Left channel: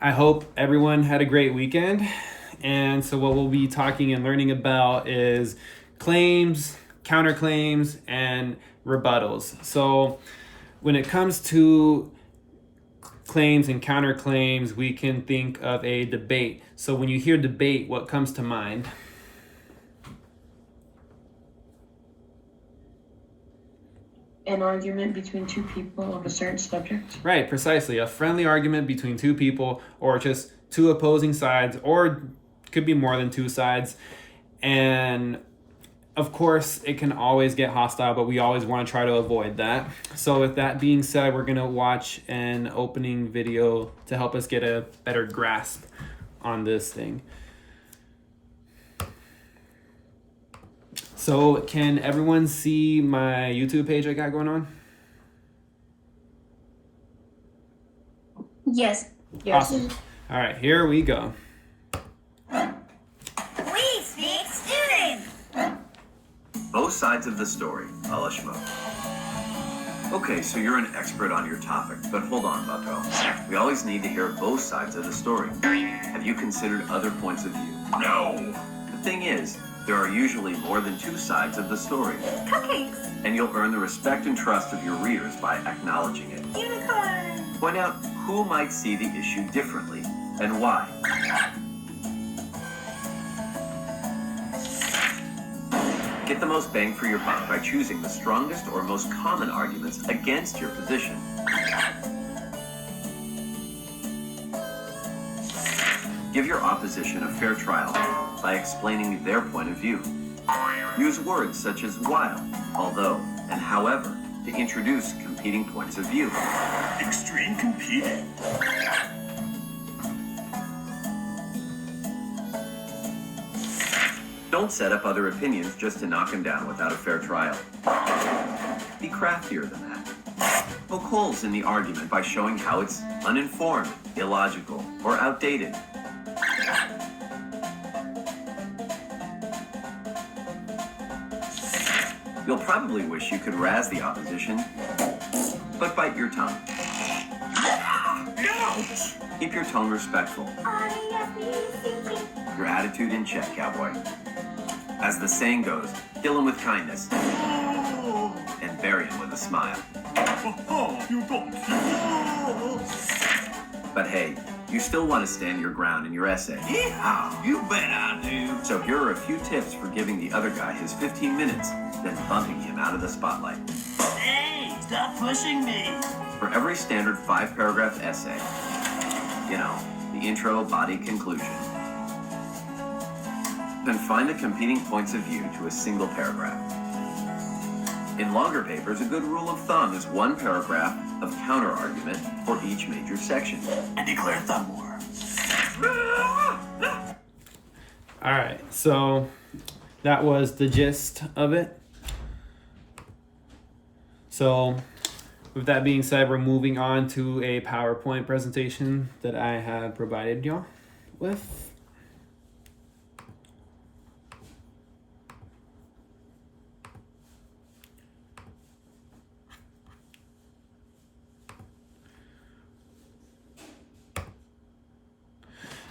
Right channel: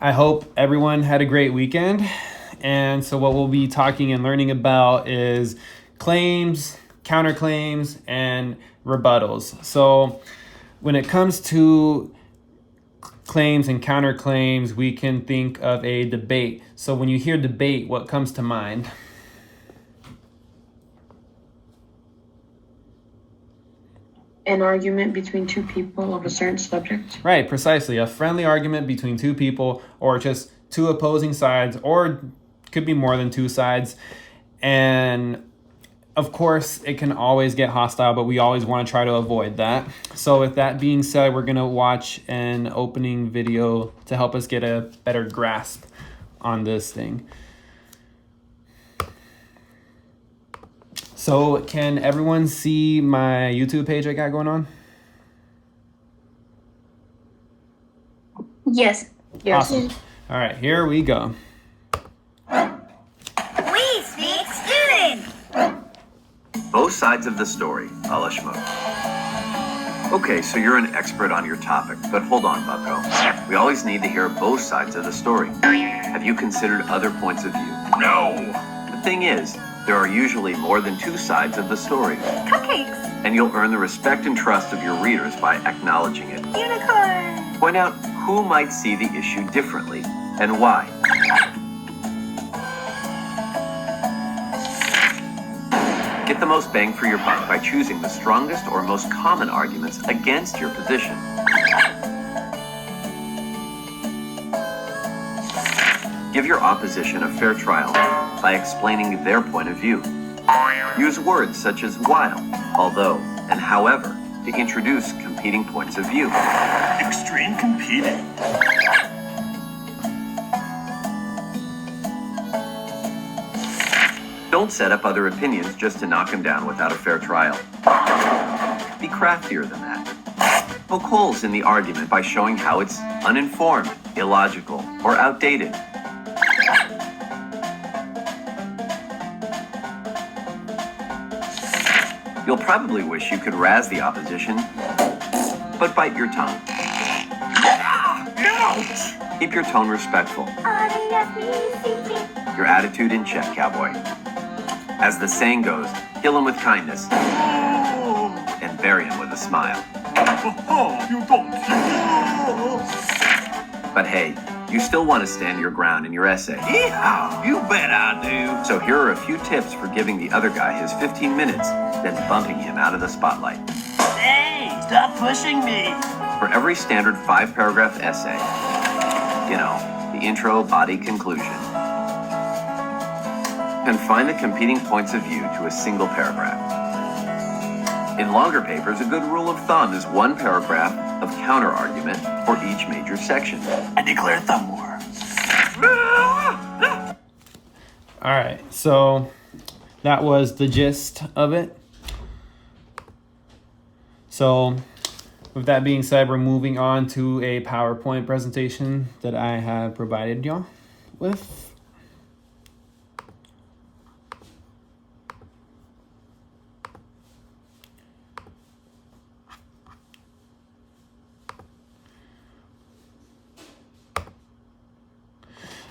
I hope everyone had a great weekend. And so what we'll be talking and learning about is claims, counterclaims, and rebuttals. So when it comes to claims and counterclaims, we can think of a debate. So when you hear debate, what comes to mind? An argument between two people of a certain subject. Right, precisely. A friendly argument between two people, or just two opposing sides, or could be more than two sides. And of course, it can always get hostile, but we always want to try to avoid that. So with that being said, we're going to watch an opening video to help us get a better grasp on this thing. So can everyone see my YouTube page I got going on? Yes. Awesome. All right, here we go. We speak student. Both sides of the story, a la schmo. Okay, so you're an expert on your topic, but hold on, bucko. We always need to hear both sides of the story. Have you considered other points of view? No. The thing is, there are usually more than two sides of the story. Cupcakes. And you'll earn the respect and trust of your readers by acknowledging it. Unicorn. Point out who might see the issue differently and why. Get the most bang for your buck by choosing the strongest or most common arguments against your position. Give your opposition a fair trial by explaining their point of view. Use words such as while, although, and however to introduce competing points of view. Extreme competing. Don't set up other opinions just to knock them down without a fair trial. Be craftier than that. Poke holes in the argument by showing how it's uninformed, illogical, or outdated. You'll probably wish you could razz the opposition, but bite your tongue. Ouch! Keep your tone respectful. Your attitude in check, cowboy. As the saying goes, kill him with kindness and bury him with a smile. You don't. But hey, you still want to stand your ground in your essay. Yeah, you bet I do. So here are a few tips for giving the other guy his 15 minutes, then bumping him out of the spotlight. Hey, stop pushing me. For every standard 5-paragraph essay, you know, the intro, body, conclusion, confine the competing points of view to a single paragraph. In longer papers, a good rule of thumb is 1 paragraph of counter-argument for each major section. I declare thumb war. All right, so that was the gist of it. So with that being said, we're moving on to a PowerPoint presentation that I have provided y'all with.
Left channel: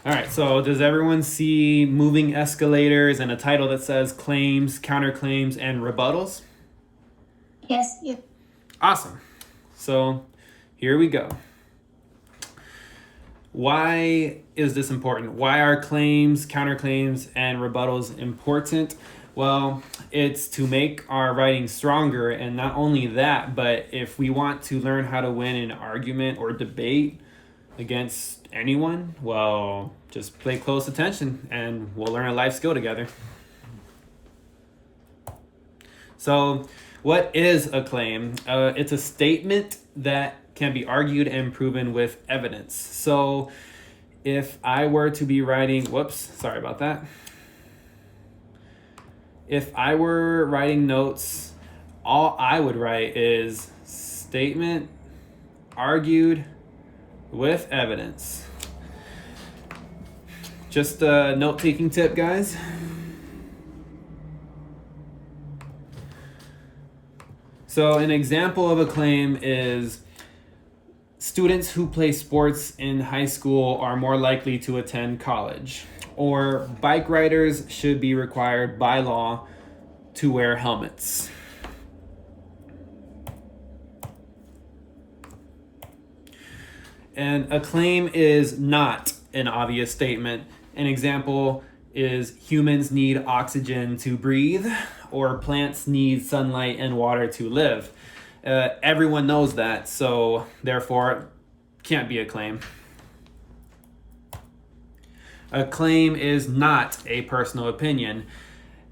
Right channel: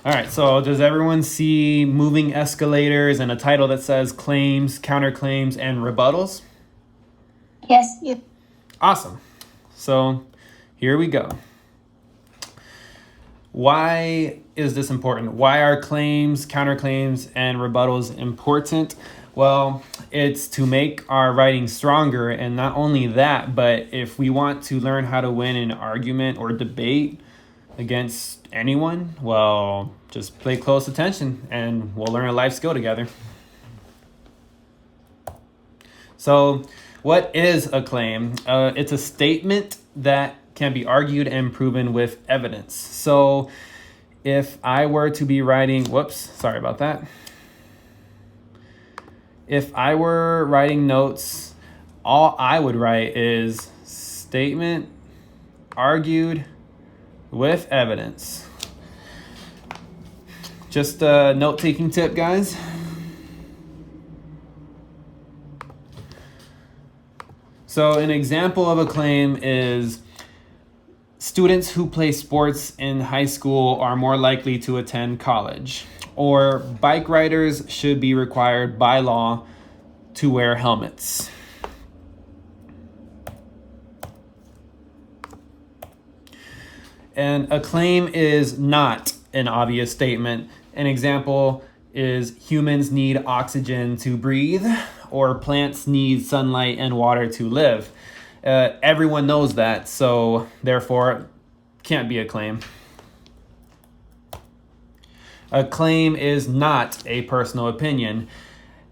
All right, so does everyone see moving escalators and a title that says claims, counterclaims, and rebuttals? Yes. Yep. Awesome. So here we go. Why is this important? Why are claims, counterclaims, and rebuttals important? Well, it's to make our writing stronger, and not only that, but if we want to learn how to win an argument or debate against anyone, well, just pay close attention and we'll learn a life skill together. So what is a claim? It's a statement that can be argued and proven with evidence. So if I were to be writing, sorry about that. If I were writing notes, all I would write is statement argued with evidence. Just a note-taking tip, guys. So an example of a claim is students who play sports in high school are more likely to attend college. Or bike riders should be required by law to wear helmets. And a claim is not an obvious statement. An example is humans need oxygen to breathe, or plants need sunlight and water to live. Everyone knows that, so therefore can't be a claim. A claim is not a personal opinion.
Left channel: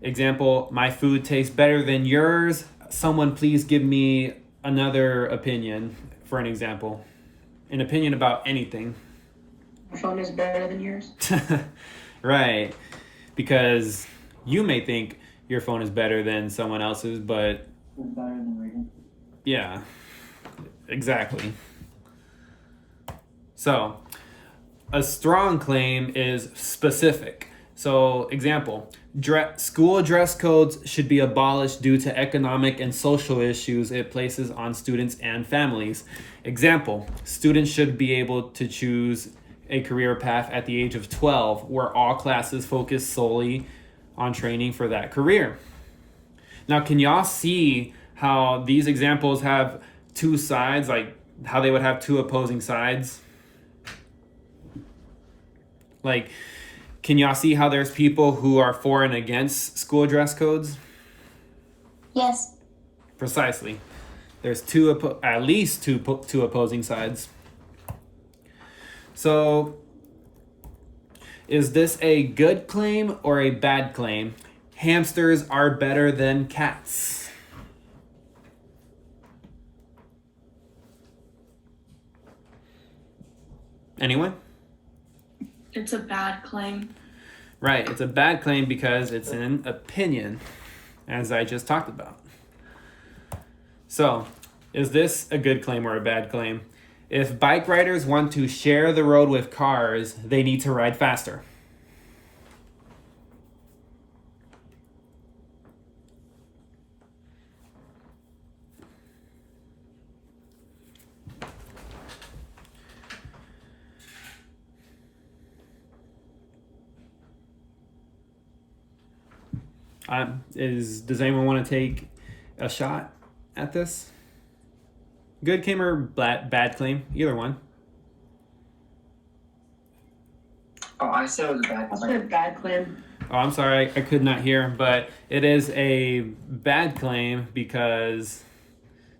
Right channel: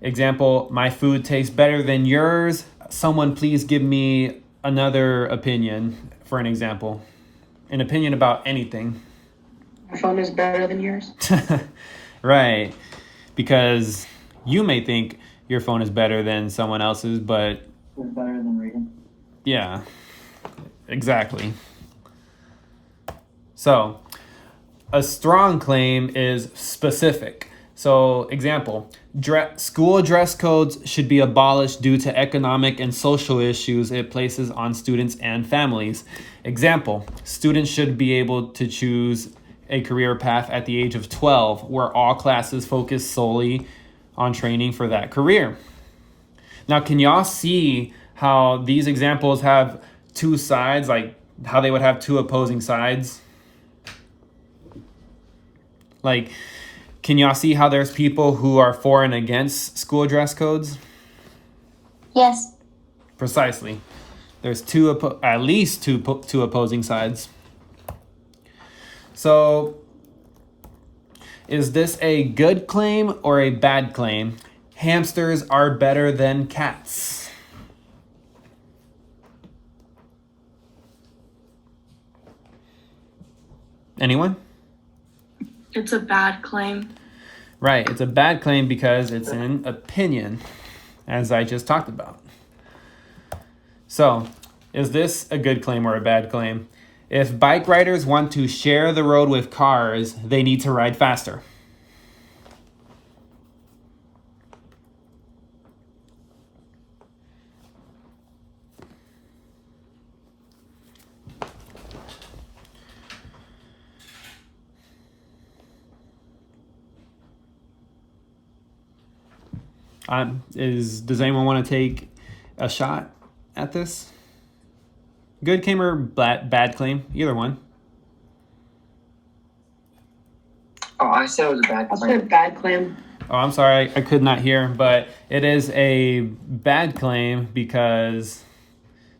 Example, my food tastes better than yours. Someone please give me another opinion, for an example. An opinion about anything. My phone is better than yours. Right. Because you may think your phone is better than someone else's, but It's better than reading. yeah, exactly. So, a strong claim is specific. So, example, school dress codes should be abolished due to economic and social issues it places on students and families. Example, students should be able to choose a career path at the age of 12, where all classes focus solely on training for that career. Now, can y'all see how these examples have two sides, like how they would have two opposing sides? Like, can y'all see how there's people who are for and against school dress codes? Yes. Precisely. There's at least two opposing sides. So, is this a good claim or a bad claim? Hamsters are better than cats. Anyone? It's a bad claim. Right, it's a bad claim because it's an opinion, as I just talked about. So, is this a good claim or a bad claim? If bike riders want to share the road with cars, they need to ride faster. Does anyone want to take a shot at this? Good claim or bad claim? Either one. Oh, I said it was a bad I'll say claim. bad claim. Oh, I'm sorry, I could not hear, but it is a bad claim because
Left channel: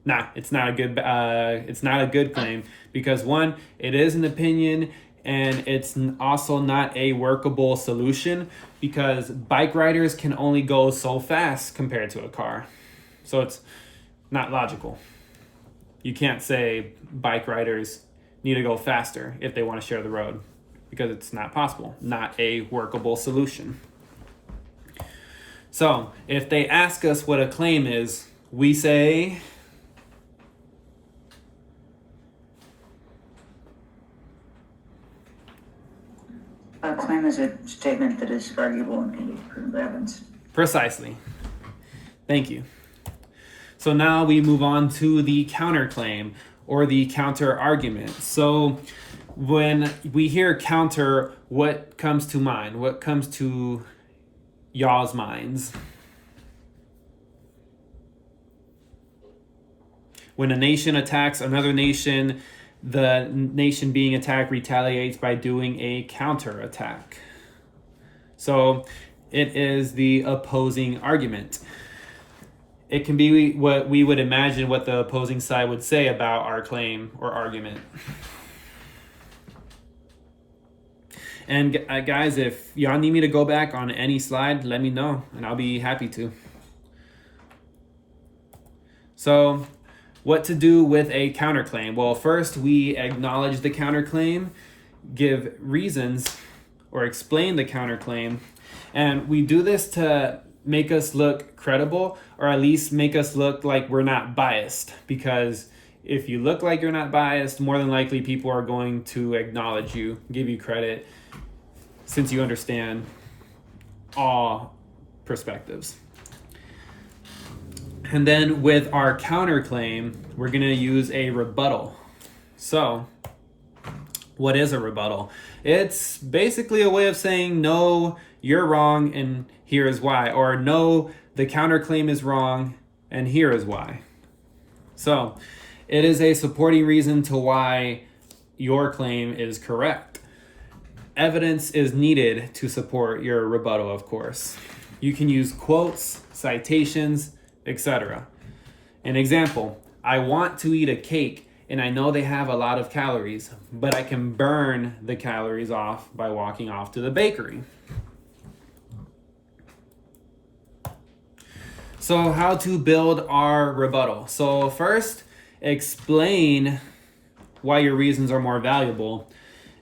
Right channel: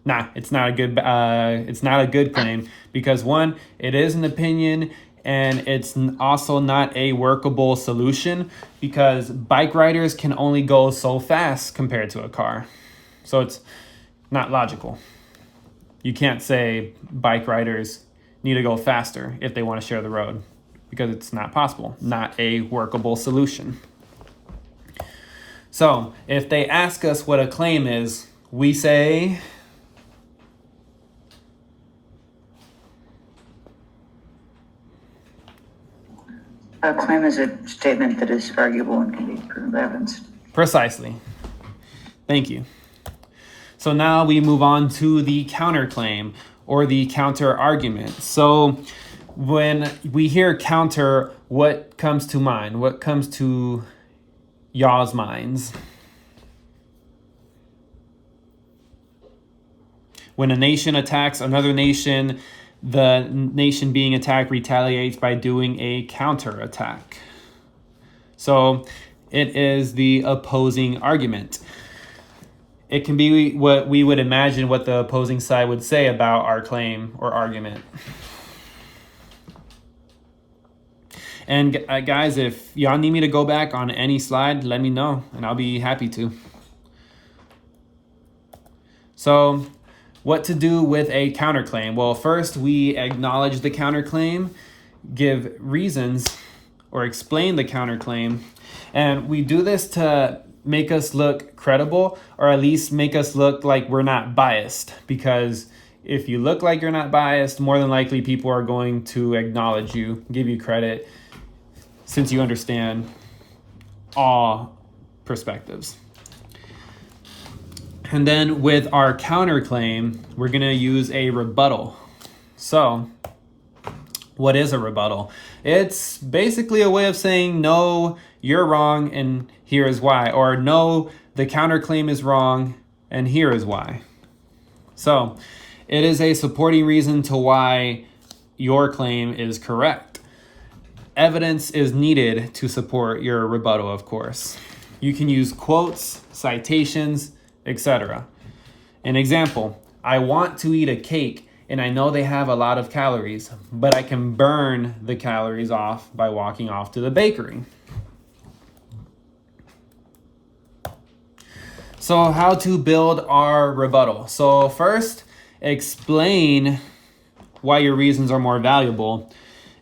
it's not a good claim because one, it is an opinion, and it's also not a workable solution because bike riders can only go so fast compared to a car. So it's not logical. You can't say bike riders need to go faster if they want to share the road because it's not possible, not a workable solution. So if they ask us what a claim is, we say, A claim is a statement that is arguable and can be proven by evidence. precisely. Thank you. So now we move on to the counterclaim or the counter argument. So when we hear counter, what comes to mind? What comes to y'all's minds? When a nation attacks another nation, the nation being attacked retaliates by doing a counterattack. So it is the opposing argument. It can be what we would imagine what the opposing side would say about our claim or argument. And guys, if y'all need me to go back on any slide, let me know and I'll be happy to. So, what to do with a counterclaim? Well, first we acknowledge the counterclaim, give reasons or explain the counterclaim, and we do this to make us look credible, or at least make us look like we're not biased, because if you look like you're not biased, more than likely people are going to acknowledge you, give you credit, since you understand all perspectives. And then with our counterclaim, we're going to use a rebuttal. So, what is a rebuttal? It's basically a way of saying, no, you're wrong, and here is why. Or, no, the counterclaim is wrong, and here is why. So, it is a supporting reason to why your claim is correct. Evidence is needed to support your rebuttal, of course. You can use quotes, citations, etc. An example, I want to eat a cake and I know they have a lot of calories, but I can burn the calories off by walking off to the bakery. So how to build our rebuttal. So first, explain why your reasons are more valuable.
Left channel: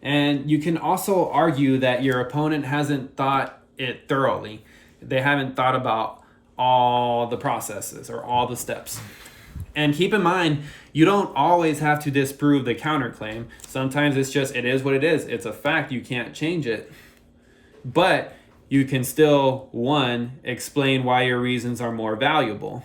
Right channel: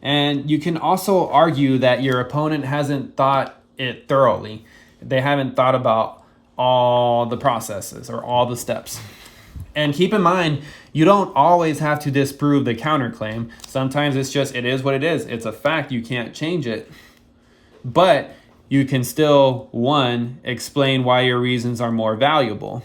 And you can also argue that your opponent hasn't thought it thoroughly. They haven't thought about all the processes or all the steps. And keep in mind, you don't always have to disprove the counterclaim. Sometimes it's just, it is what it is. It's a fact, you can't change it. But you can still, one, explain why your reasons are more valuable.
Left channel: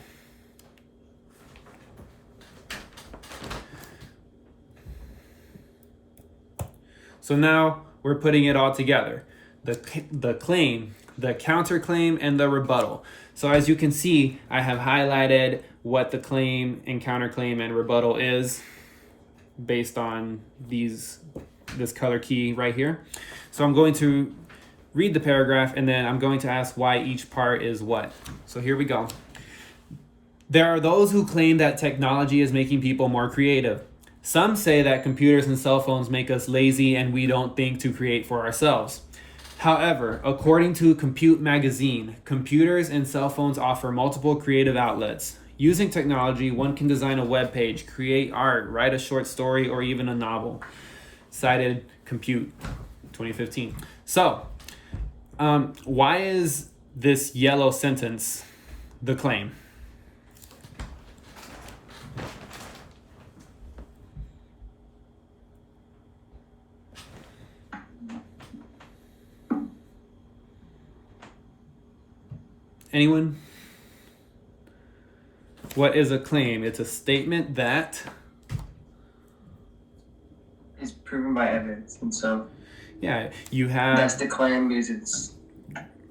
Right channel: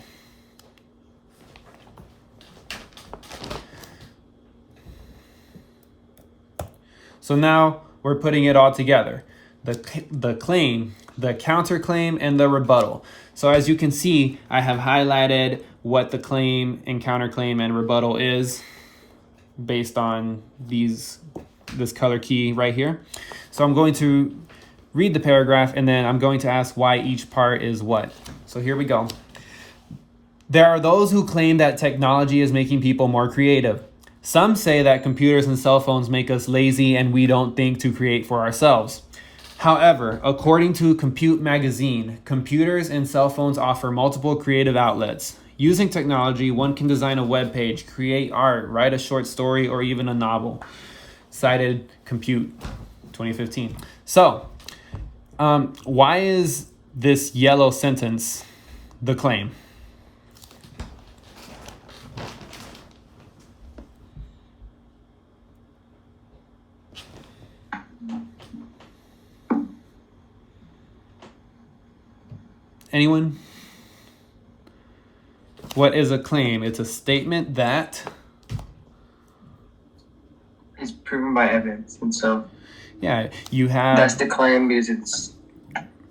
So now we're putting it all together. The claim, the counterclaim, and the rebuttal. So as you can see, I have highlighted what the claim and counterclaim and rebuttal is based on this color key right here. So I'm going to read the paragraph and then I'm going to ask why each part is what. So here we go. There are those who claim that technology is making people more creative. Some say that computers and cell phones make us lazy and we don't think to create for ourselves. However, according to Compute Magazine, computers and cell phones offer multiple creative outlets. Using technology, one can design a web page, create art, write a short story, or even a novel. Cited Compute 2015. So, why is this yellow sentence the claim? Anyone? What is a claim? It's a statement that... It's proven by evidence, and so Yeah, you have... that's the claim because it's...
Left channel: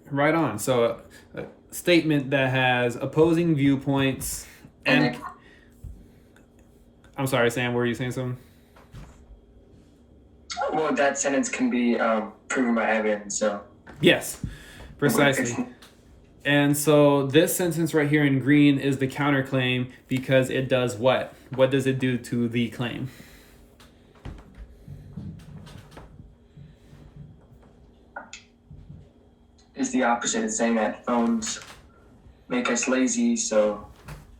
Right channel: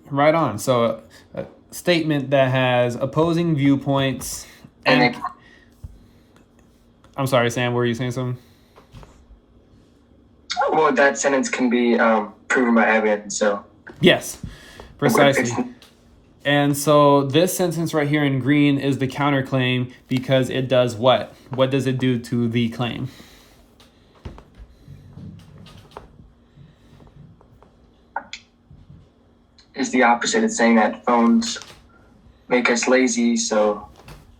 Right on. So a statement that has opposing viewpoints and... I'm sorry, Sam, were you saying something? Well, that sentence can be proven by evidence, so... Yes, precisely. And so this sentence right here in green is the counterclaim because it does what? What does it do to the claim? It's the opposite. It's saying that phones make us lazy, so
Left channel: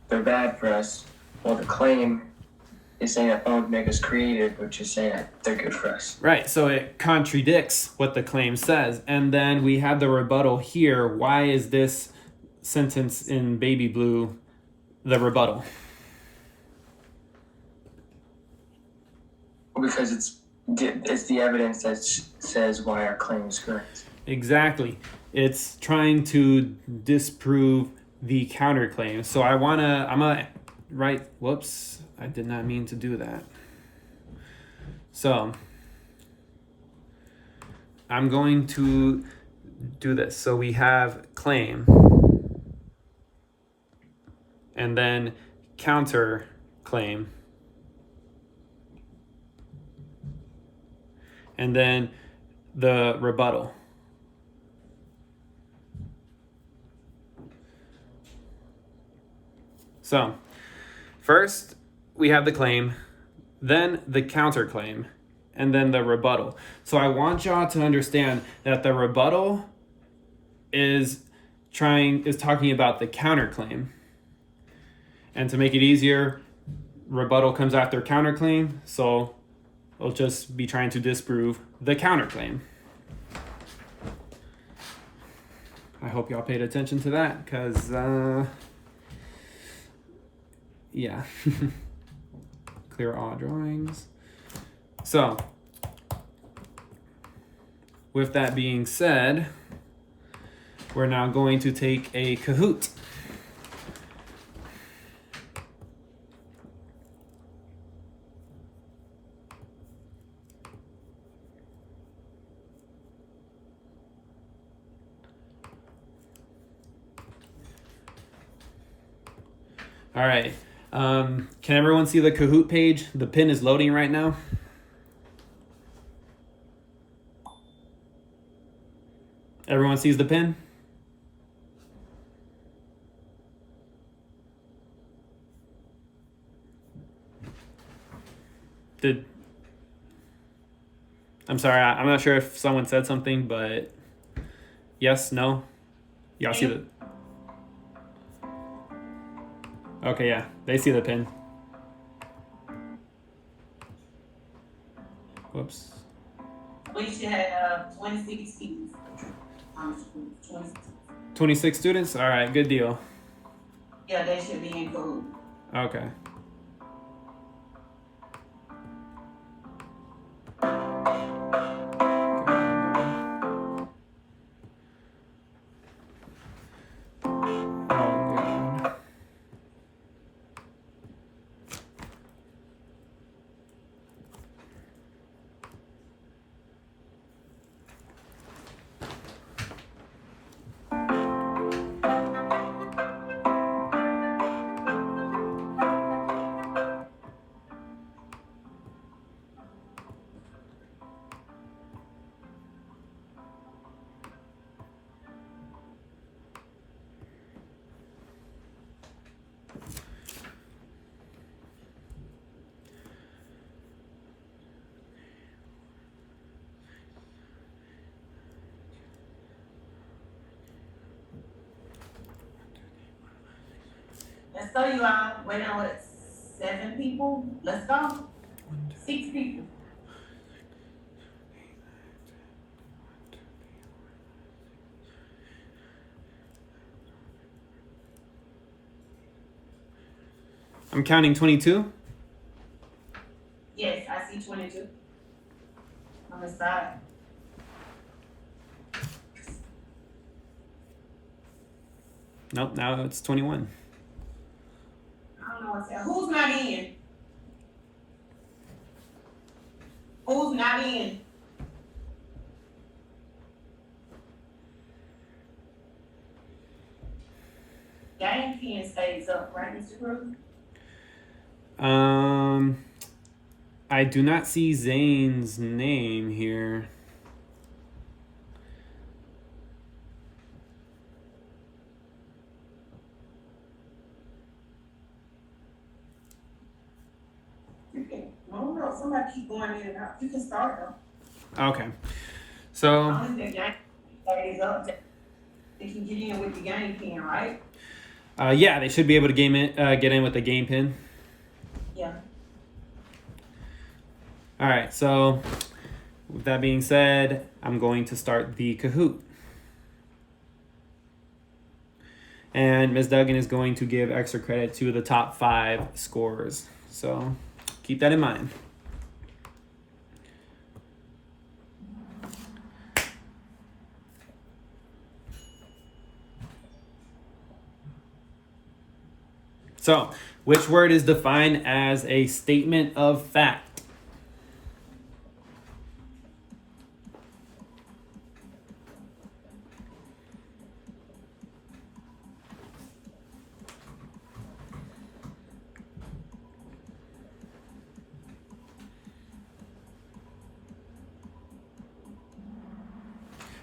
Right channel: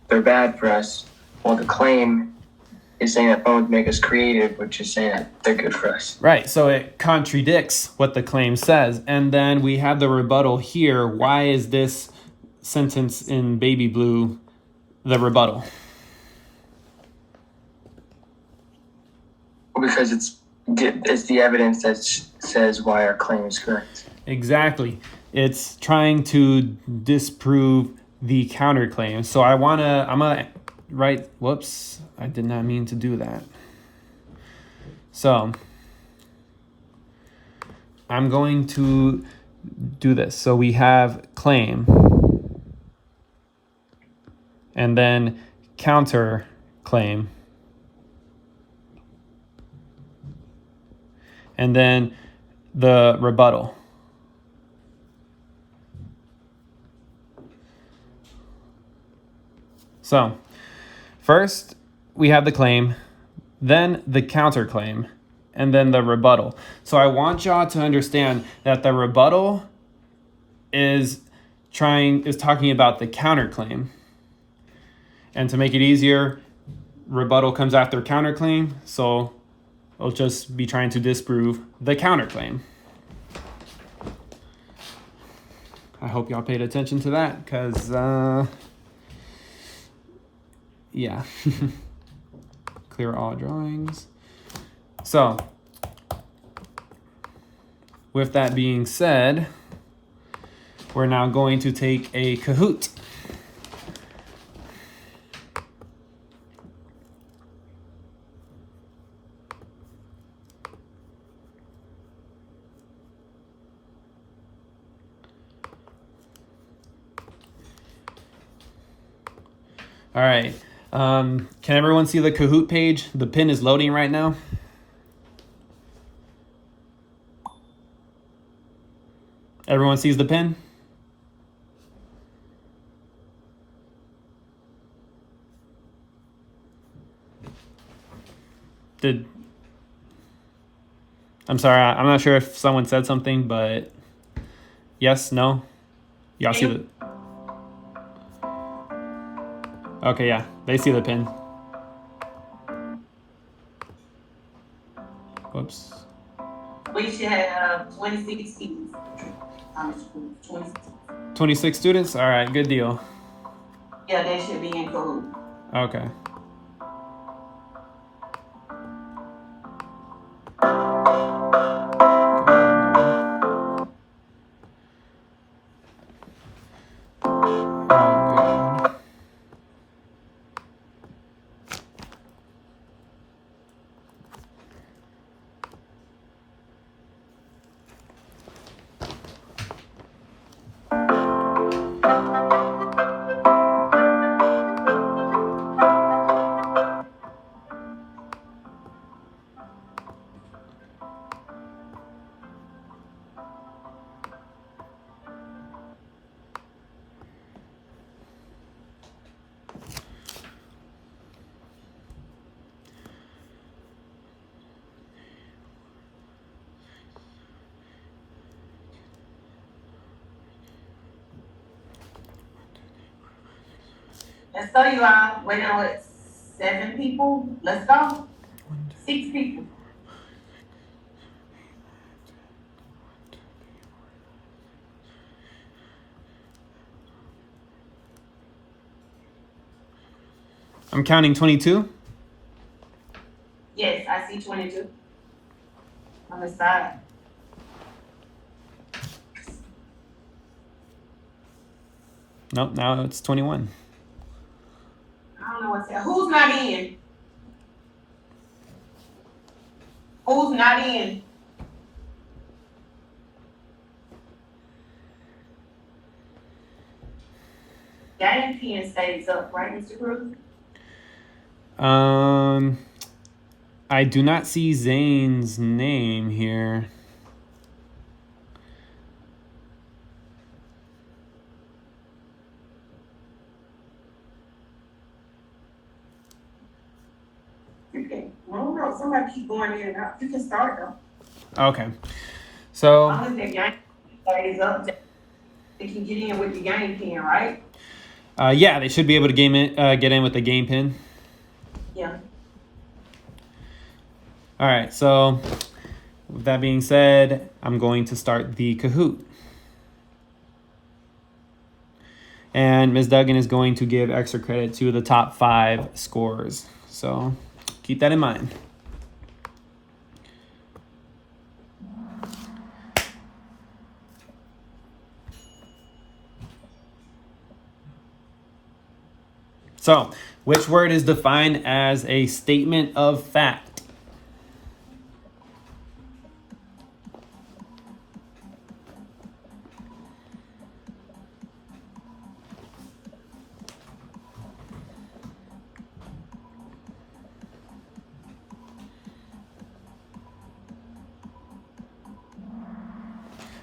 they're bad for us. Well, the claim is saying that phones make us creative, which is saying that they're good for us. Right, so it contradicts what the claim says. And then we have the rebuttal here. Why is this sentence in baby blue the rebuttal? Because it's the evidence that says why our claim is correct. Exactly. It's trying to disprove the counterclaim. So I'm gonna write, whoops, I did not mean to do that. So I'm going to do this. So we have claim and then counter claim and then the rebuttal. So first we have the claim, then the counterclaim, and then the rebuttal. So I want y'all to understand that the rebuttal is talking about the counterclaim. And to make it easier, rebuttal comes after counterclaim, so it'll just be trying to disprove the counterclaim. I hope y'all paid attention to that, because, yeah. Clear all drawings. So, with that being said, we're now going to take a Kahoot. All right. Can everyone see the Kahoot page? The pin is loading right now. Everyone sees the pin? I'm sorry, I'm not sure if someone said something, but yes, no? Y'all see the... Okay, yeah, they see the pin. Whoops. We should have 26 students. 26 students? All right, good deal. Yeah, they should be in Kahoot. Okay. Let's go, you all. Wait on what? 7 people? Let's go. 6 people. I'm counting 22. Yes, I see 22 on the side. Nope, now it's 21. I don't know what's that. Who's not in? Who's not in? Game pen stays up, right, Mr. Cruz? I do not see Zane's name here. Okay. I don't know. Somebody keep going in and out. You can start though. Okay. So, As long as the game stays up, they can get in with the game pen, right? yeah, they should be able to get in with the game pin. Yeah. All right, so with that being said, I'm going to start the Kahoot. And Ms. Duggan is going to give extra credit to the top 5 scores. So keep that in mind. So, which word is defined as a statement of fact?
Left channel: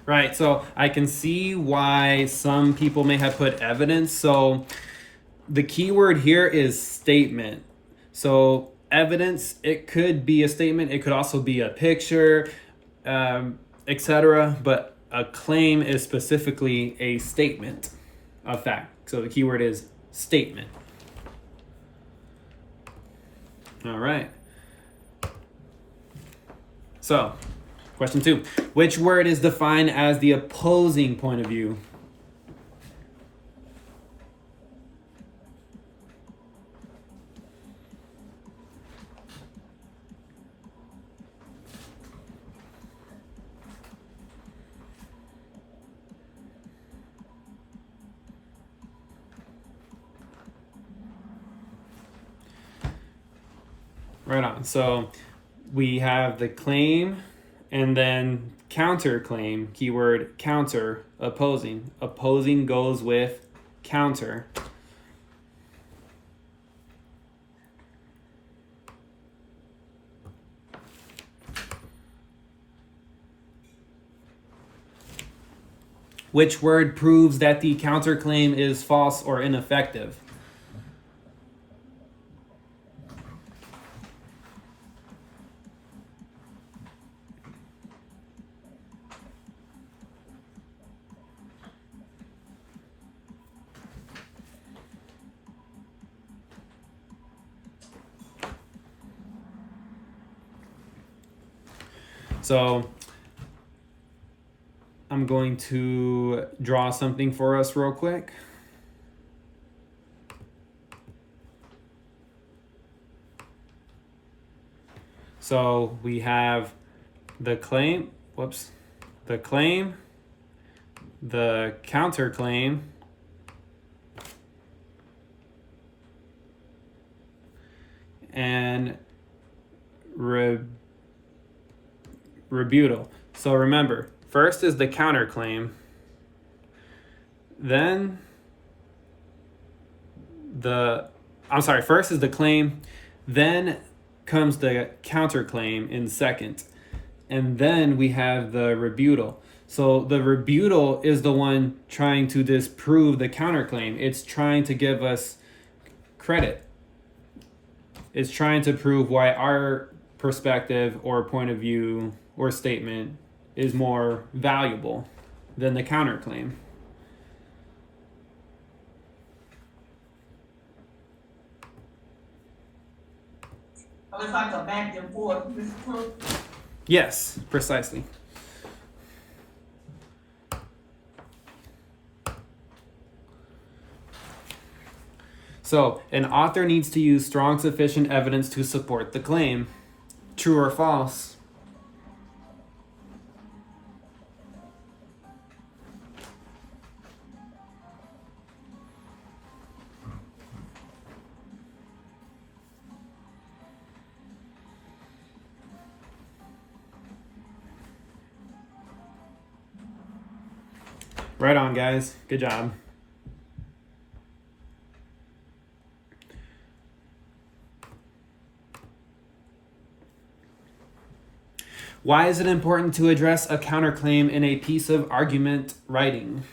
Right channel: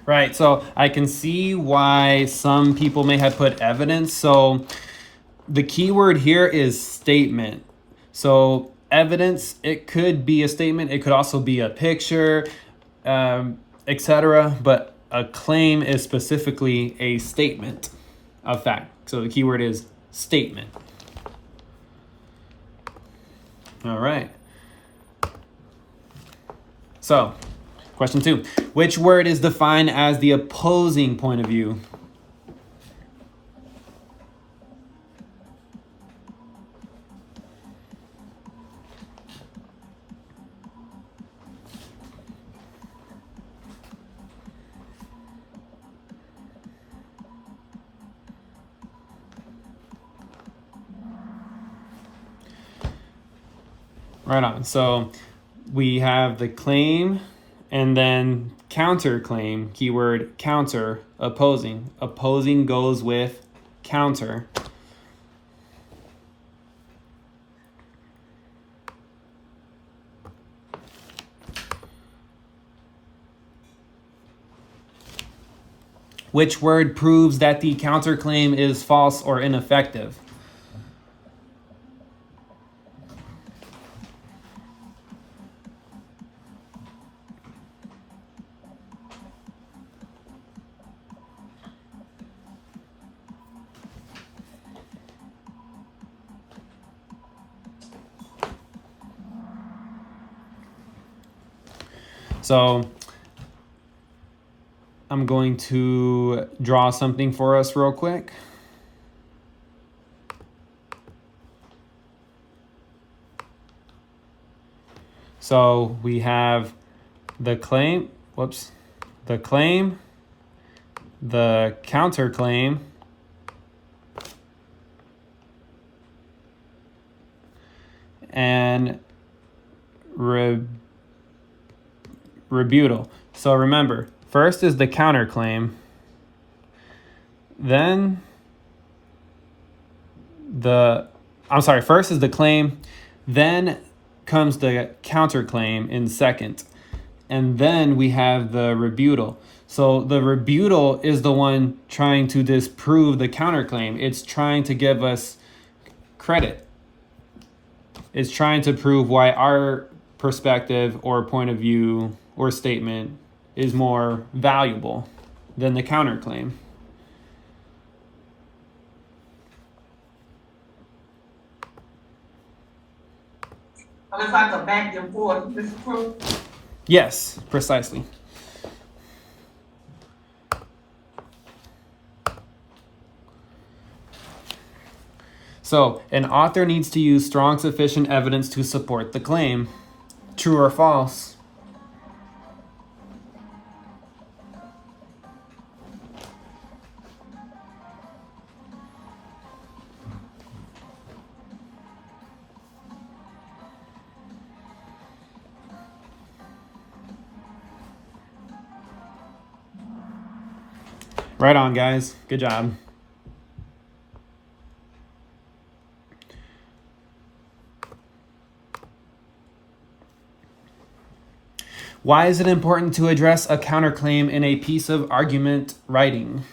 Right, so I can see why some people may have put evidence. So the key word here is statement. So evidence, it could be a statement, it could also be a picture, etc. But a claim is specifically a statement of fact. So the key word is statement. All right. So, question 2. Which word is defined as the opposing point of view? Right on. So we have the claim and then counterclaim, keyword counter, opposing. Opposing goes with counter. Which word proves that the counterclaim is false or ineffective? So I'm going to draw something for us real quick. So we have the claim, the claim, the counterclaim, and rebuttal. So remember, first is the counterclaim, then first is the claim, then comes the counterclaim in second, and then we have the rebuttal. So the rebuttal is the one trying to disprove the counterclaim. It's trying to give us credit. It's trying to prove why our perspective or point of view or statement is more valuable than the counterclaim. It's like a back and forth, Mr. Cruz. Yes, precisely. So, an author needs to use strong sufficient evidence to support the claim. True or false? Right on, guys. Good job. Why is it important to address a counterclaim in a piece of argument writing?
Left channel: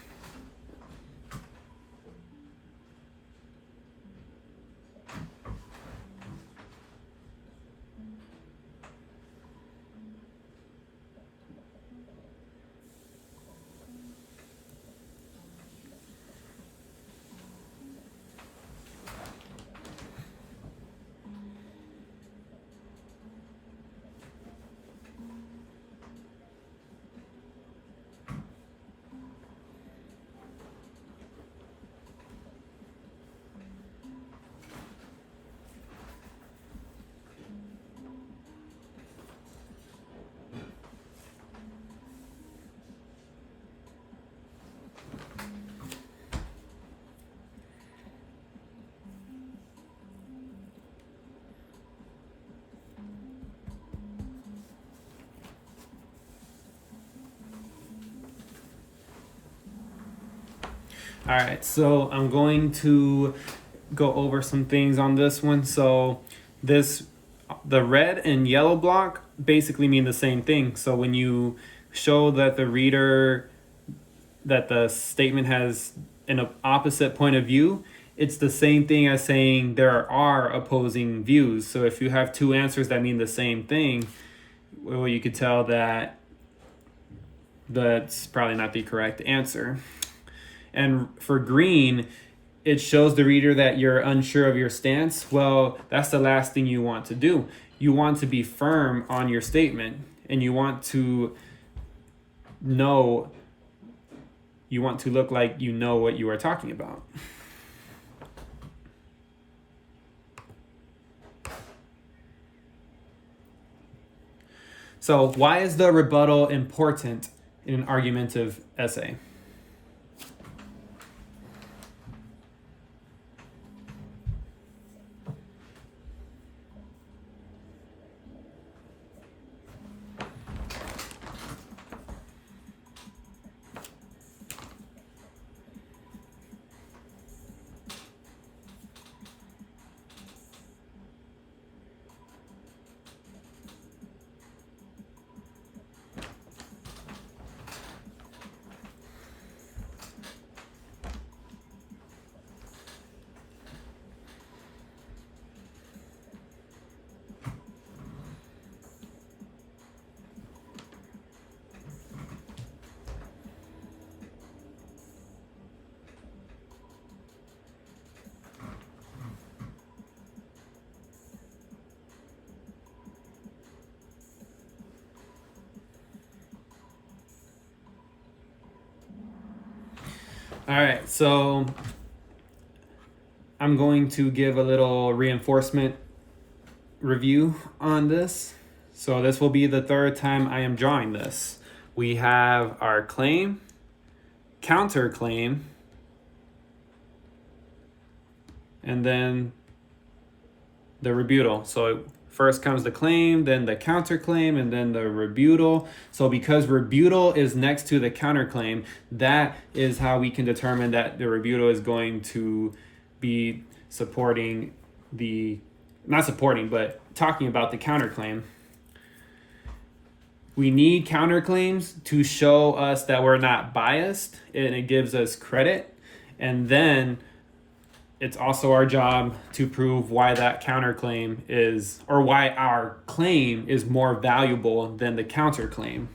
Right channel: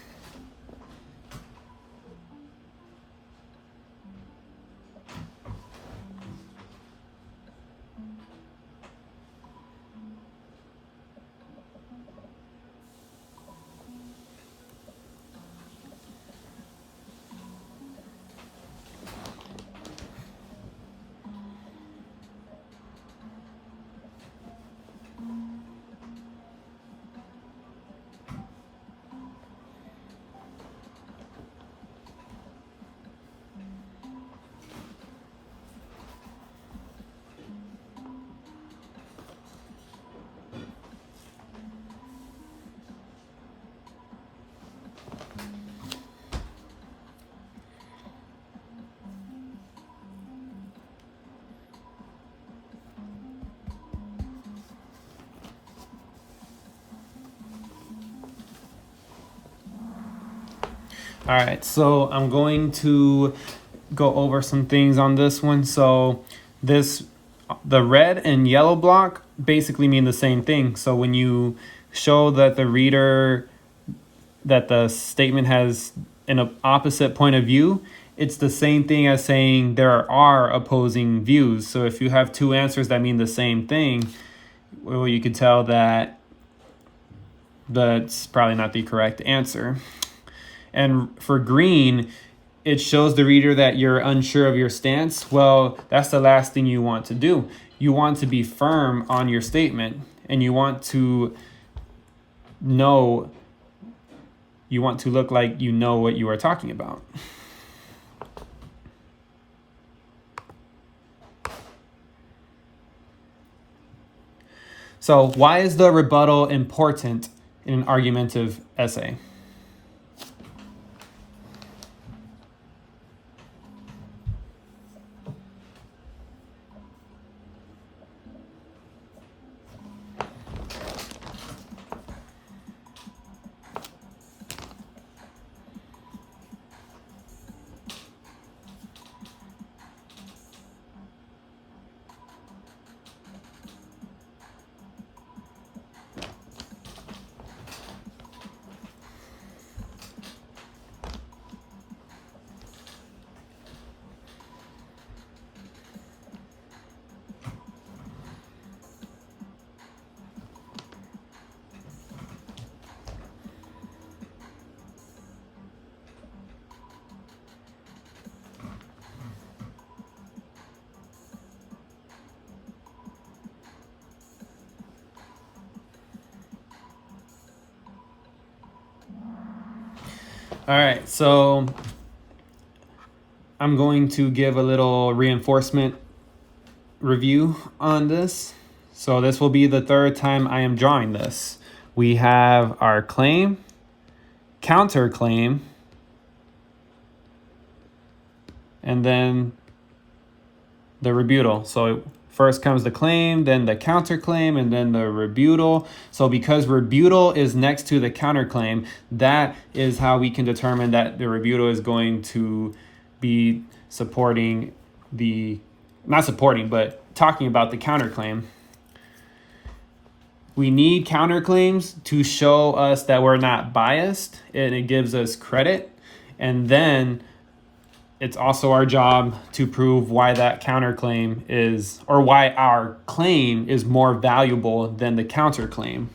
All right, so I'm going to go over some things on this one. So the red and yellow block basically mean the same thing. So when you show that the reader, that the statement has an opposite point of view, it's the same thing as saying there are opposing views. So if you have two answers that mean the same thing, well, you could tell that that's probably not the correct answer. And for green, it shows the reader that you're unsure of your stance. Well, that's the last thing you want to do. You want to be firm on your statement, and you want to look like you know what you are talking about. So why is the rebuttal important in an argumentative essay? All right, so I'm going to give a little reinforcement review on this. So this will be the third time I am drawing this. We have our claim, counterclaim, and then the rebuttal. So first comes the claim, then the counterclaim, and then the rebuttal. So because rebuttal is next to the counterclaim, that is how we can determine that the rebuttal is going to be supporting the, not supporting, but talking about the counterclaim. We need counterclaims to show us that we're not biased, and it gives us credit. And then it's also our job to prove why that counterclaim is, or why our claim is more valuable than the counterclaim.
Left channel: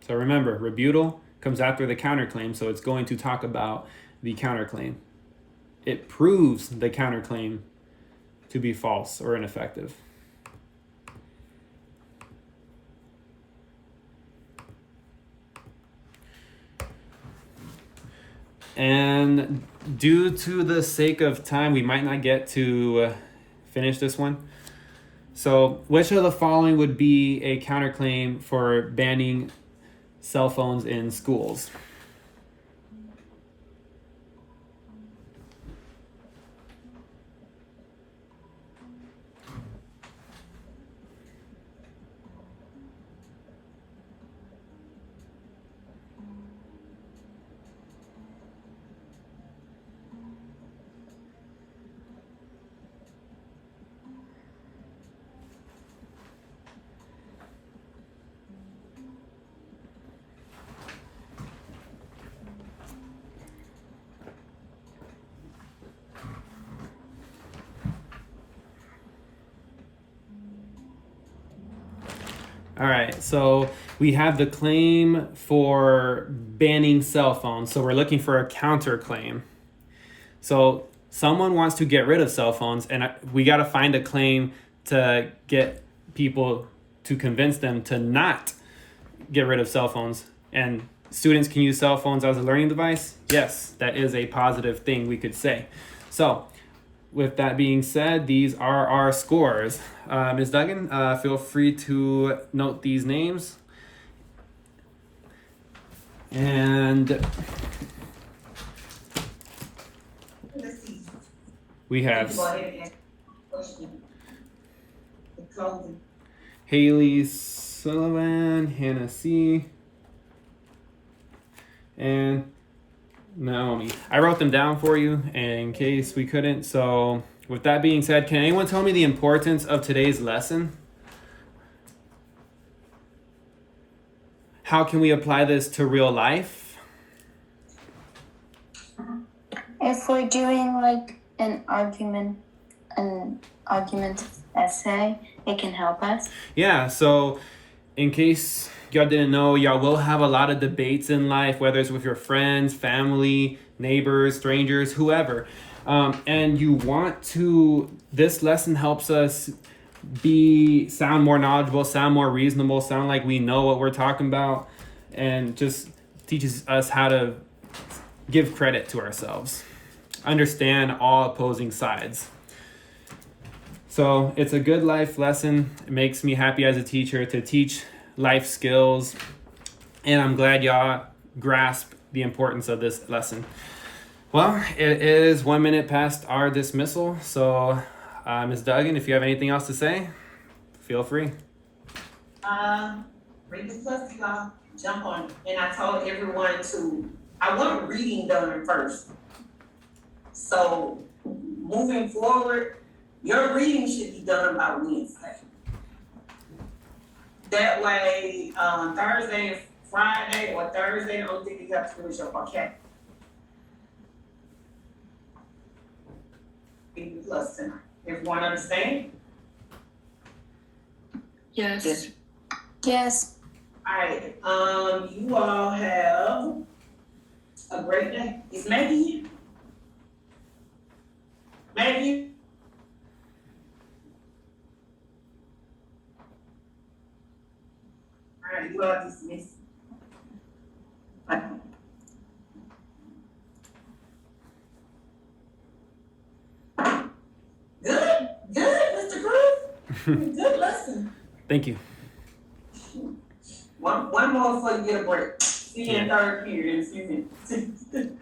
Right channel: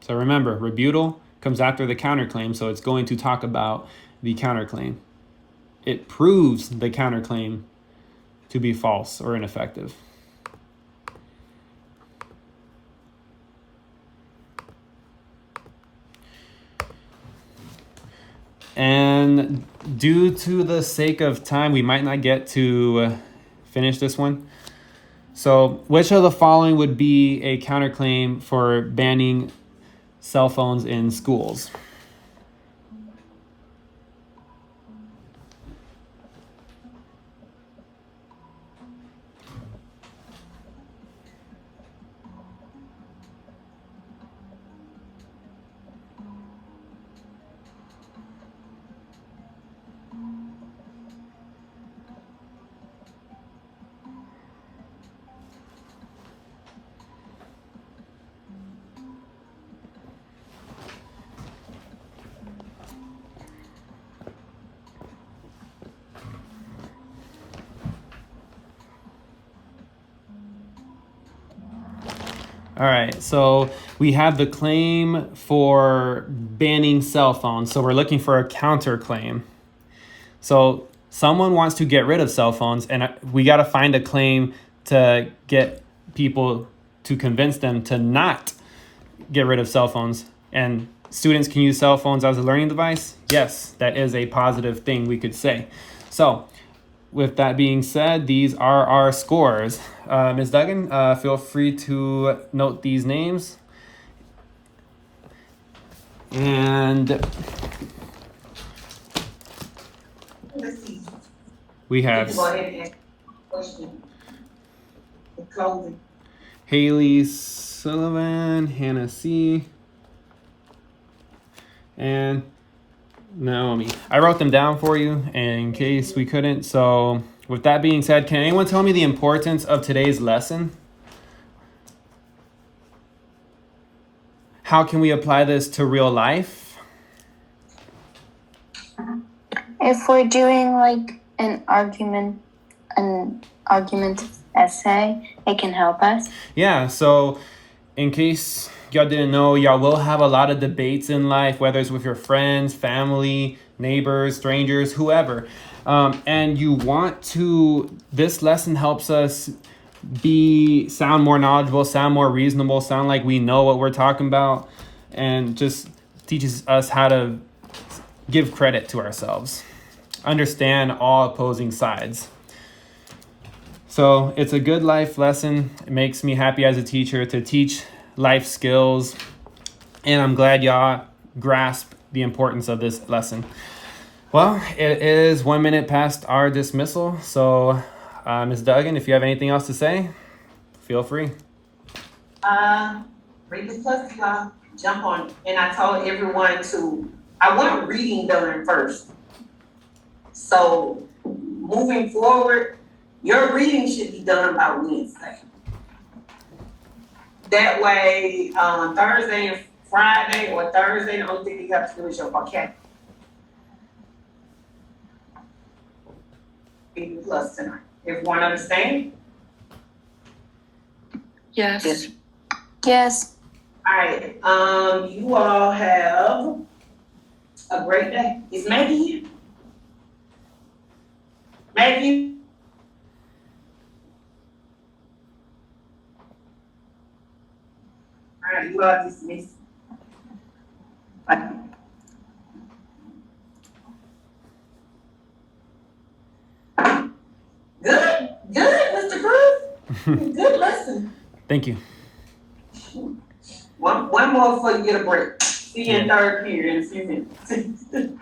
So remember, rebuttal comes after the counterclaim, so it's going to talk about the counterclaim. It proves the counterclaim to be false or ineffective. And due to the sake of time, we might not get to finish this one. So which of the following would be a counterclaim for banning cell phones in schools? All right, so we have the claim for banning cell phones. So we're looking for a counterclaim. So someone wants to get rid of cell phones, and we got to find a claim to get people to convince them to not get rid of cell phones. And students can use cell phones as a learning device. Yes, that is a positive thing we could say. So with that being said, these are our scores. Ms. Duggan, feel free to note these names. And Let's see. we You have can go ahead and ask the question. The closing. Haley Sullivan, Hannah C., and Naomi. I wrote them down for you in case we couldn't. So with that being said, can anyone tell me the importance of today's lesson? How can we apply this to real life? If we're doing like an argument essay, it can help us. Yeah, so in case y'all didn't know, y'all will have a lot of debates in life, whether it's with your friends, family, neighbors, strangers, whoever. And you want to, this lesson helps us sound more knowledgeable, sound more reasonable, sound like we know what we're talking about, and just teaches us how to give credit to ourselves, understand all opposing sides. So it's a good life lesson. It makes me happy as a teacher to teach life skills, and I'm glad y'all grasp the importance of this lesson. Well, it is 1 minute past our dismissal, so Ms. Duggan, if you have anything else to say, feel free. Read the plus law, jump on, and I told everyone I want reading done first. So moving forward, your reading should be done by Wednesday. That way, Thursday and Friday, or Thursday, the only thing you have to do is your vocabulary. Read the plus tonight. Everyone understand? Yes. Yes. Yes. All right, you all have a great day. Is Maggie here? Maggie? All right, you are dismissed. Thank you. One more before you get a break. See you in Yeah. third period in a few minutes.